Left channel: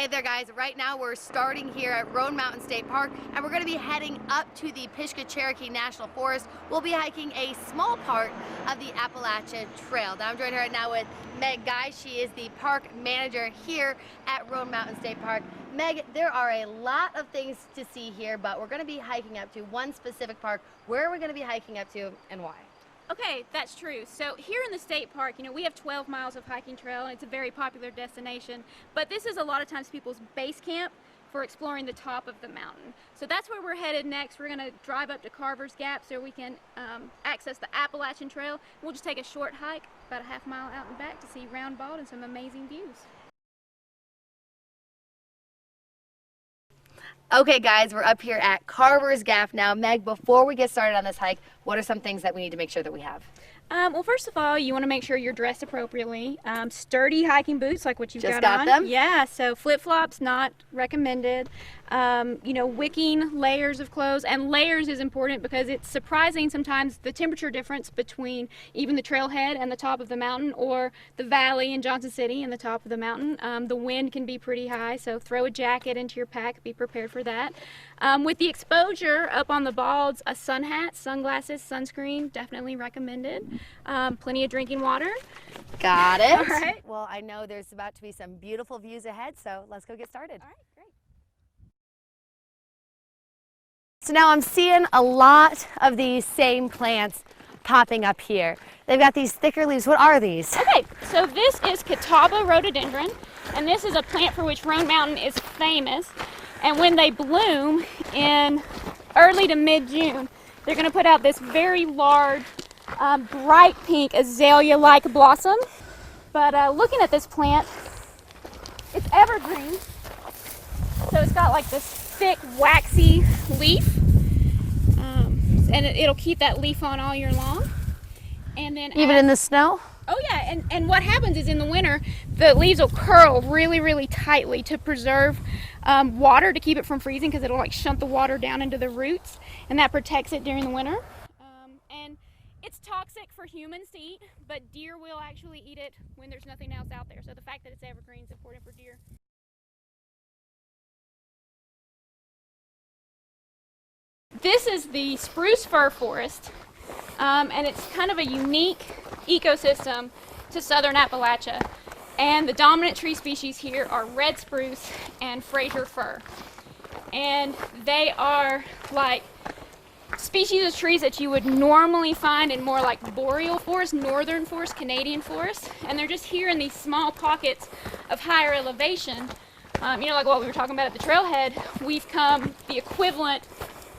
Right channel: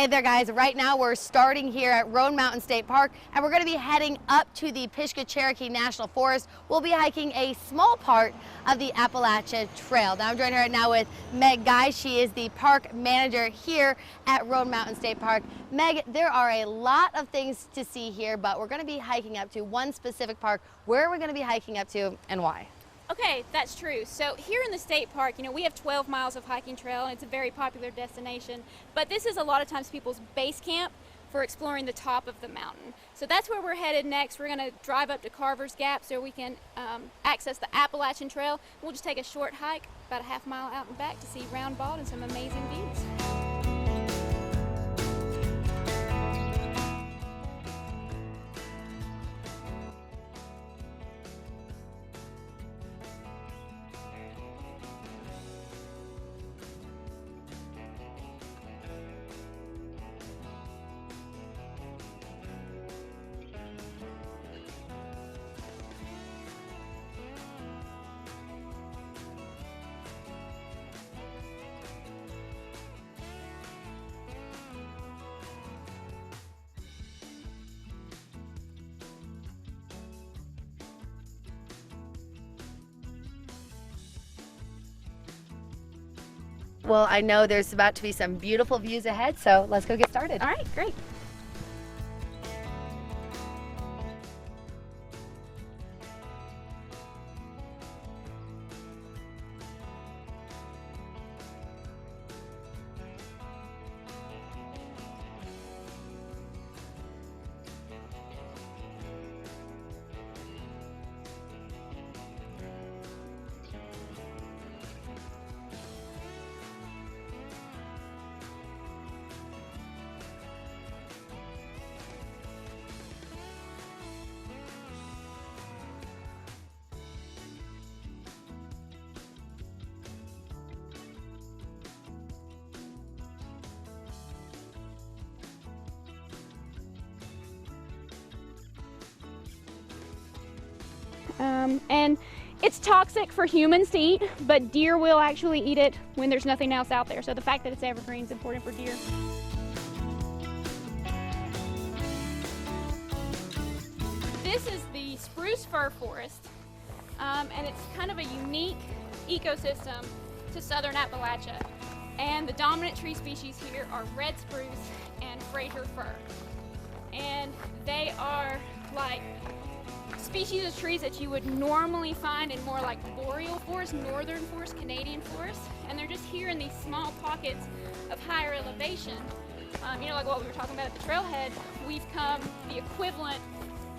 Hey there guys, right now we're starting here at Roan Mountain State Park and we're going to be heading up to the Pishka-Cherokee National Forest. We'll be hiking a small part of the Appalachian Trail. Now I'm joined right now with Meg Guy. She is the park manager here at Roan Mountain State Park. Meg, there are a lot of things to see here, but we're going to be hiking up to one specific park. Where are we going to be hiking up to and why? Okay, that's true. So here in the state park, we have 12 miles of hiking trail, and it's a very popular destination. But this is a lot of times people's base camp for exploring the top of the mountain. So that's where we're headed next. We're going to drive up to Carvers Gap so we can access the Appalachian Trail. We'll just take a short hike, about a half mile out and back, to see Round Bald and some amazing views. Okay guys, we're up here at Carvers Gap now. Meg, before we get started on this hike, what are some things that we need to make sure that we have? Well, first of all, you want to make sure you're dressed appropriately. Sturdy hiking boots like what you've Just got on. them? Yeah, so flip-flops not recommended. Wicking layers of clothes, and layers is important because it's surprising sometimes the temperature difference between even the trailhead and the top of the mountain, or the valley in Johnson City and the top of the mountain. The wind can be pretty high, so throw a jacket into your pack, be prepared for that. With the exposure up on the balds, a sun hat, sunglasses, sunscreen, definitely recommended. Plenty of drinking water. Got it. All right. Well, I know there's about to be some beautiful views ahead, so let's go get started. All right, great. So now I'm seeing a lot of these same plants popping up here. They've got these thicker leaves. What are these? Okay, so this is Catawba Rhododendron, and this is a plant for which Roan Mountain is famous. And when they bloom in early to mid-June, they're going to put out this very large, bright pink azalea-like blossom. But looking at this plant, it's evergreen. So it's got like this thick, waxy leaf, and it'll keep that leaf on all year long. And then Even in the snow? Oh yeah, and what happens is in the winter, the leaves will curl really, really tightly to preserve water, to keep it from freezing, because it'll like shunt the water down into the roots, and that protects it during the winter. And it's toxic for humans to eat, but deer will actually eat it when there's nothing else out there. So the fact that it's evergreen is important for deer. This is the Spruce Fir Forest, and it's kind of a unique ecosystem to southern Appalachia. And the dominant tree species here are red spruce and Fraser fir. And they are like species of trees that you would normally find in more like boreal forest, northern forest, Canadian forest. And they're just here in these small pockets of higher elevation. Like what we were talking about at the trailhead, we've come the equivalent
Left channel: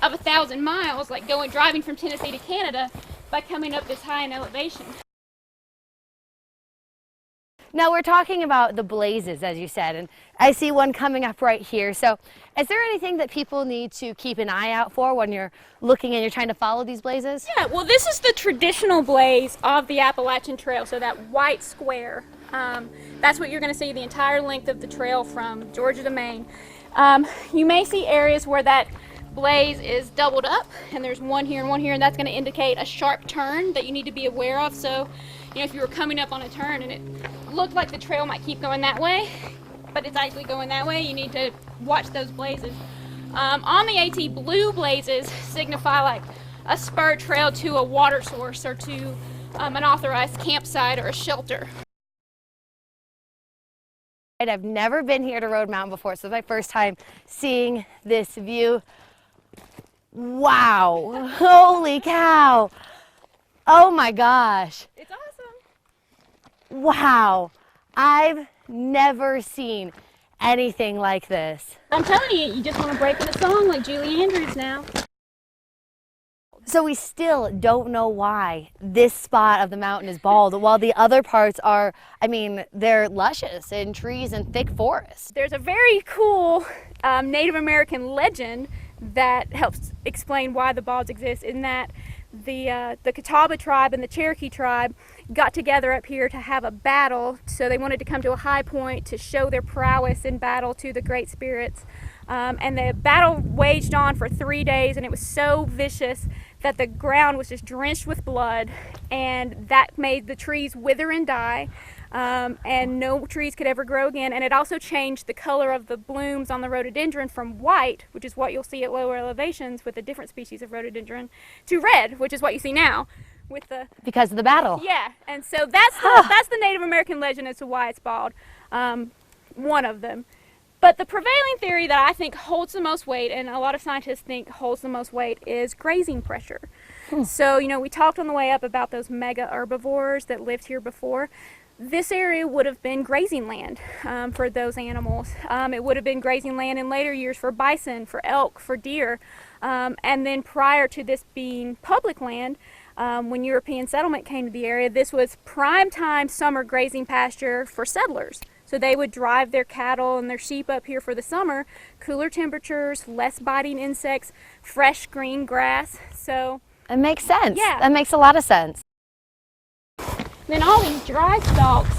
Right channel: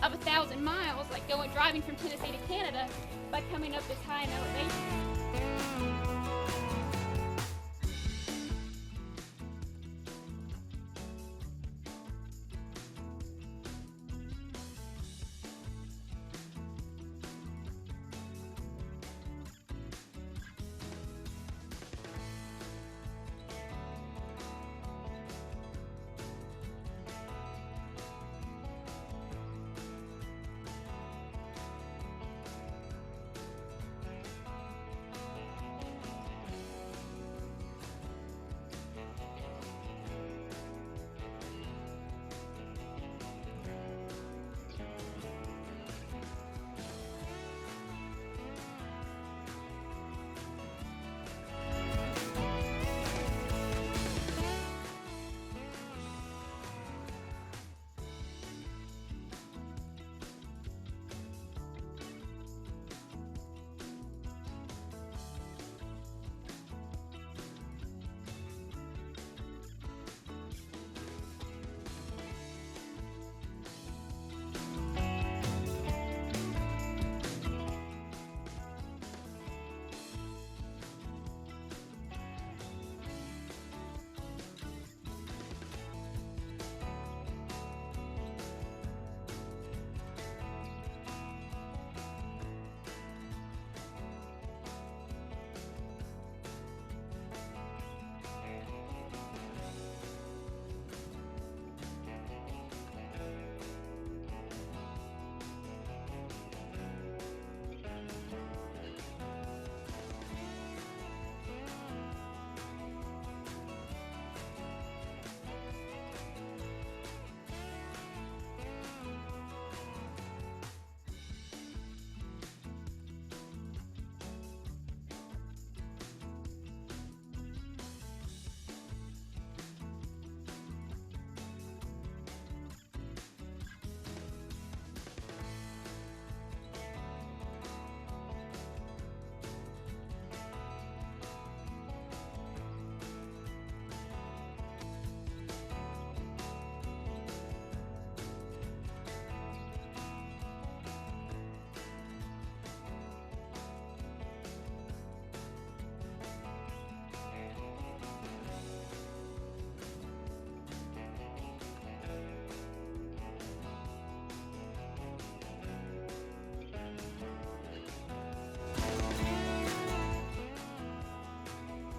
of 1,000 miles, like driving from Tennessee to Canada, by coming up this high in elevation. Now we're talking about the blazes, as you said, and I see one coming up right here. So is there anything that people need to keep an eye out for when you're looking and you're trying to follow these blazes? Yeah, well, this is the traditional blaze of the Appalachian Trail, so that white square. That's what you're going to see the entire length of the trail from Georgia to Maine. You may see areas where that blaze is doubled up, and there's one here, and that's going to indicate a sharp turn that you need to be aware of. So, if you were coming up on a turn and it looked like the trail might keep going that way, but it's actually going that way, you need to watch those blazes. On the AT, blue blazes signify like a spur trail to a water source, or to an authorized campsite or a shelter. And I've never been here to Roan Mountain before, so it's my first time seeing this view. Wow, holy cow. Oh my gosh. It's awesome. Wow, I've never seen anything like this. I'm telling you, you just want to break into song like Julie Andrews now. So we still don't know why this spot of the mountain is bald, while the other parts are, they're luscious in trees and thick forests. There's a very cool Native American legend that helps explain why the balds exist, in that the Catawba tribe and the Cherokee tribe got together up here to have a battle. So they wanted to come to a high point to show their prowess in battle to the Great Spirits. And the battle waged on for 3 days, and it was so vicious that the ground was just drenched with blood, and that made the trees wither and die. and no trees could ever grow again. And it also changed the color of the blooms on the rhododendron from white, which is what you'll see at lower elevations with a different species of rhododendron, to red, which is what you see now. With the, because of the battle. Yeah, and so that's the Native American legend as to why it's bald, one of them. But the prevailing theory that I think holds the most weight, and a lot of scientists think holds the most weight, is grazing pressure. So, you know, we talked on the way up about those mega herbivores that lived here before. This area would have been grazing land for those animals. It would have been grazing land in later years for bison, for elk, for deer. And then prior to this being public land, when European settlement came to the area, this was prime time summer grazing pasture for settlers. So they would drive their cattle and their sheep up here for the summer, cooler temperatures, less biting insects, fresh green grass. So it makes sense. Yeah. That makes a lot of sense. Then all these dry stalks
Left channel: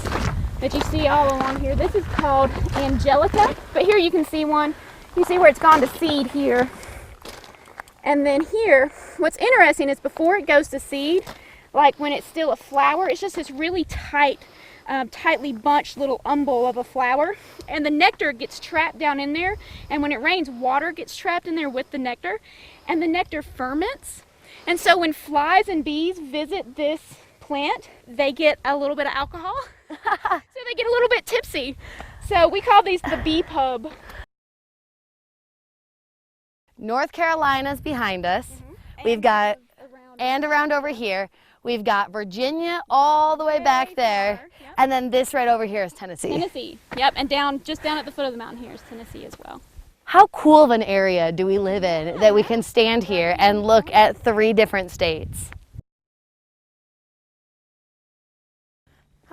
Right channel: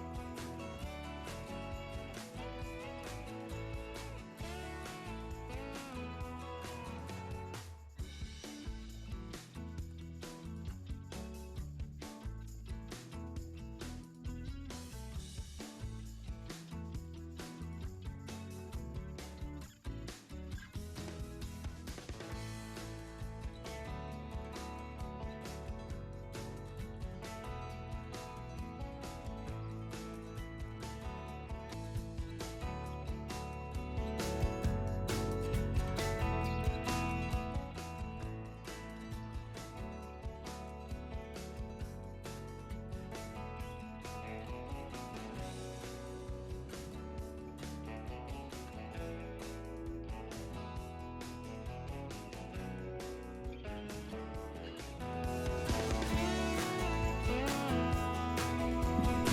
that you see all along here, this is called Angelica. But here you can see one. You see where it's gone to seed here. And then here, what's interesting is before it goes to seed, like when it's still a flower, it's just this really tight, tightly bunched little umbel of a flower, and the nectar gets trapped down in there, and when it rains, water gets trapped in there with the nectar, and the nectar ferments. And so when flies and bees visit this plant, they get a little bit of alcohol, so they get a little bit tipsy. So we call these the Abbey Pub. North Carolina's behind us. We've got, and around over here, we've got Virginia all the way back there. And then this right over here is Tennessee. Tennessee, yep, and just down at the foot of the mountain here is Tennessee as well. How cool of an area do we live in that we can stand here and look at 3 different states?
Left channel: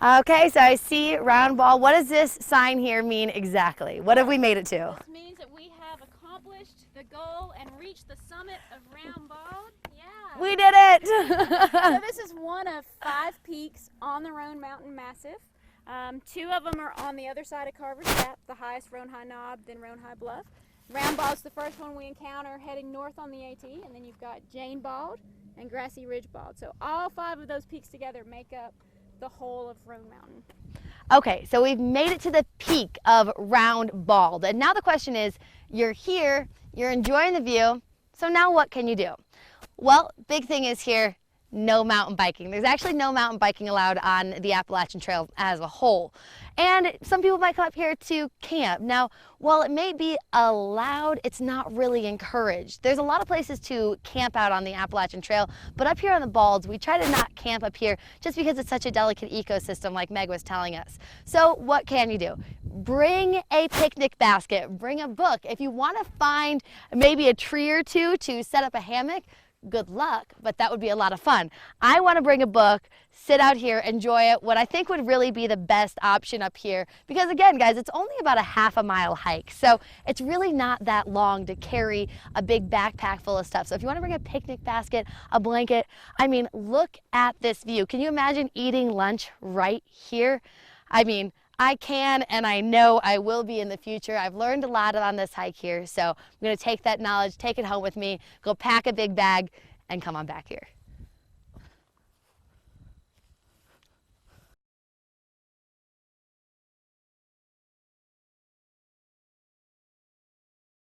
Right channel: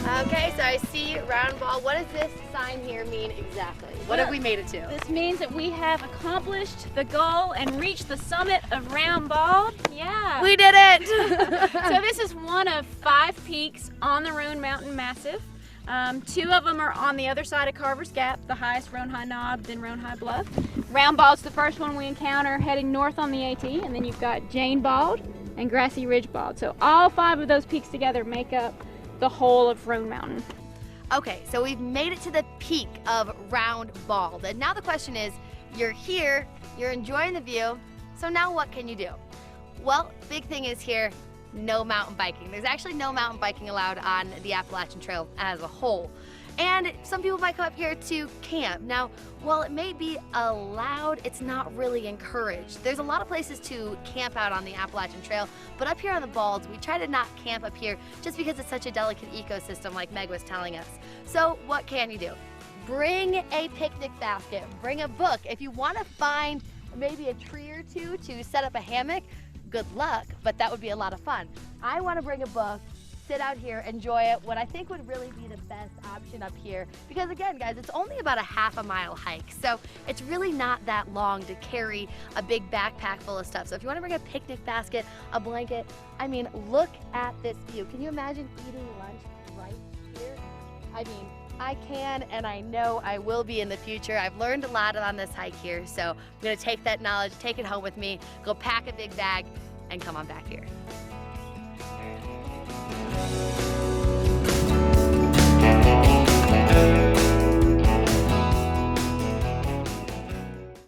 Okay, so I see round ball. What does this sign here mean exactly? What have we made it to? This means that we have accomplished the goal and reached the summit of Round Bald. Yeah. We did it! So this is one of 5 peaks on the Roan Mountain Massif. 2 of them are on the other side of Carvers Gap, the highest Roan High Knob, then Roan High Bluff. Round Bald's the first one we encounter heading north on the AT, and then you've got Jane Bald and Grassy Ridge Bald. So all 5 of those peaks together make up the whole of Roan Mountain. Okay, so we've made it to the peak of Round Bald. And now the question is, you're here, you're enjoying the view, so now what can you do? Well, big thing is here, no mountain biking. There's actually no mountain biking allowed on the Appalachian Trail as a whole. And some people might come up here to camp. Now, while it may be allowed, it's not really encouraged. There's a lot of places to camp out on the Appalachian Trail, but up here on the Balds, we try to not camp up here just because it's such a delicate ecosystem like Meg was telling us. So what can you do? Bring a picnic basket, bring a book. If you want to find maybe a tree or 2 to set up a hammock, good luck, but that would be a lot of fun. I want to bring a book, sit out here, enjoy it, what I think would really be the best option up here. Because again, guys, it's only about a ½ mile hike. So it's really not that long to carry a big backpack full of stuff. So if you want to bring a picnic basket, a blanket, I mean, look at this view. Can you imagine eating lunch right here? I mean, I can, and I know I will be in the future. I've learned a lot on this hike here. So I'm going to take that knowledge, take it home with me, go pack a big bag, and come on back here.